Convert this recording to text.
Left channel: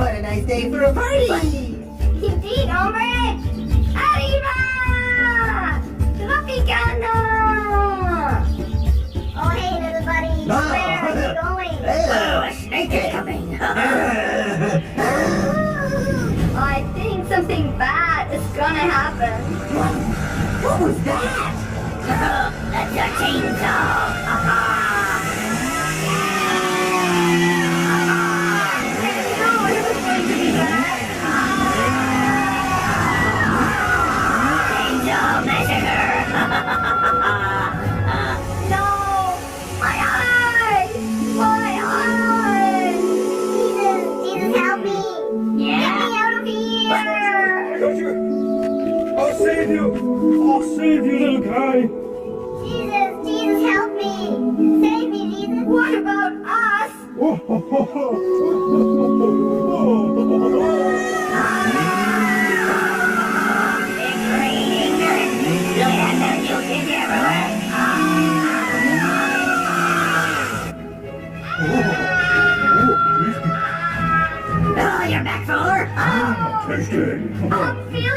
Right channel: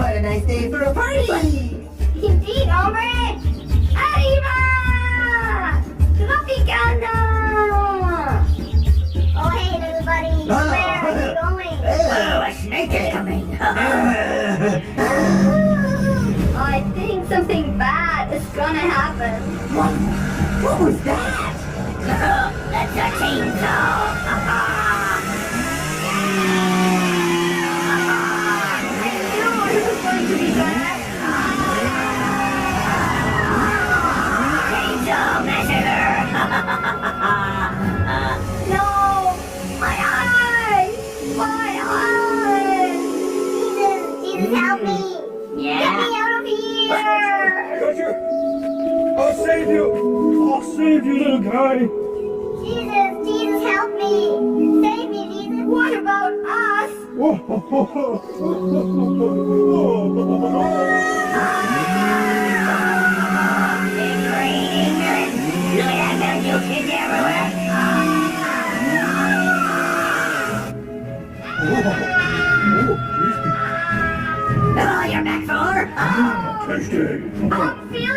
What a nice day for a party! Indeed, hombre! ¡Arriba! ¡Tropicana! Oh, hey, little buddy. Oh. Where are you going? Hello. A snake is coming. I think something bad is gonna happen. What was that? That's a chainsaw. No, it was going to be bad. Chainsaw Massacre. No! My eyes! My eyes! Jesus, help me! Get Yeah. me out of here! Got you! I'll save you! I'll save you, little guy! Jesus, help me! Save me, Jesus! What about us? It's raining. Look at that milk is everywhere. Oh, you're back, Fuller. Tasty! I'm feeling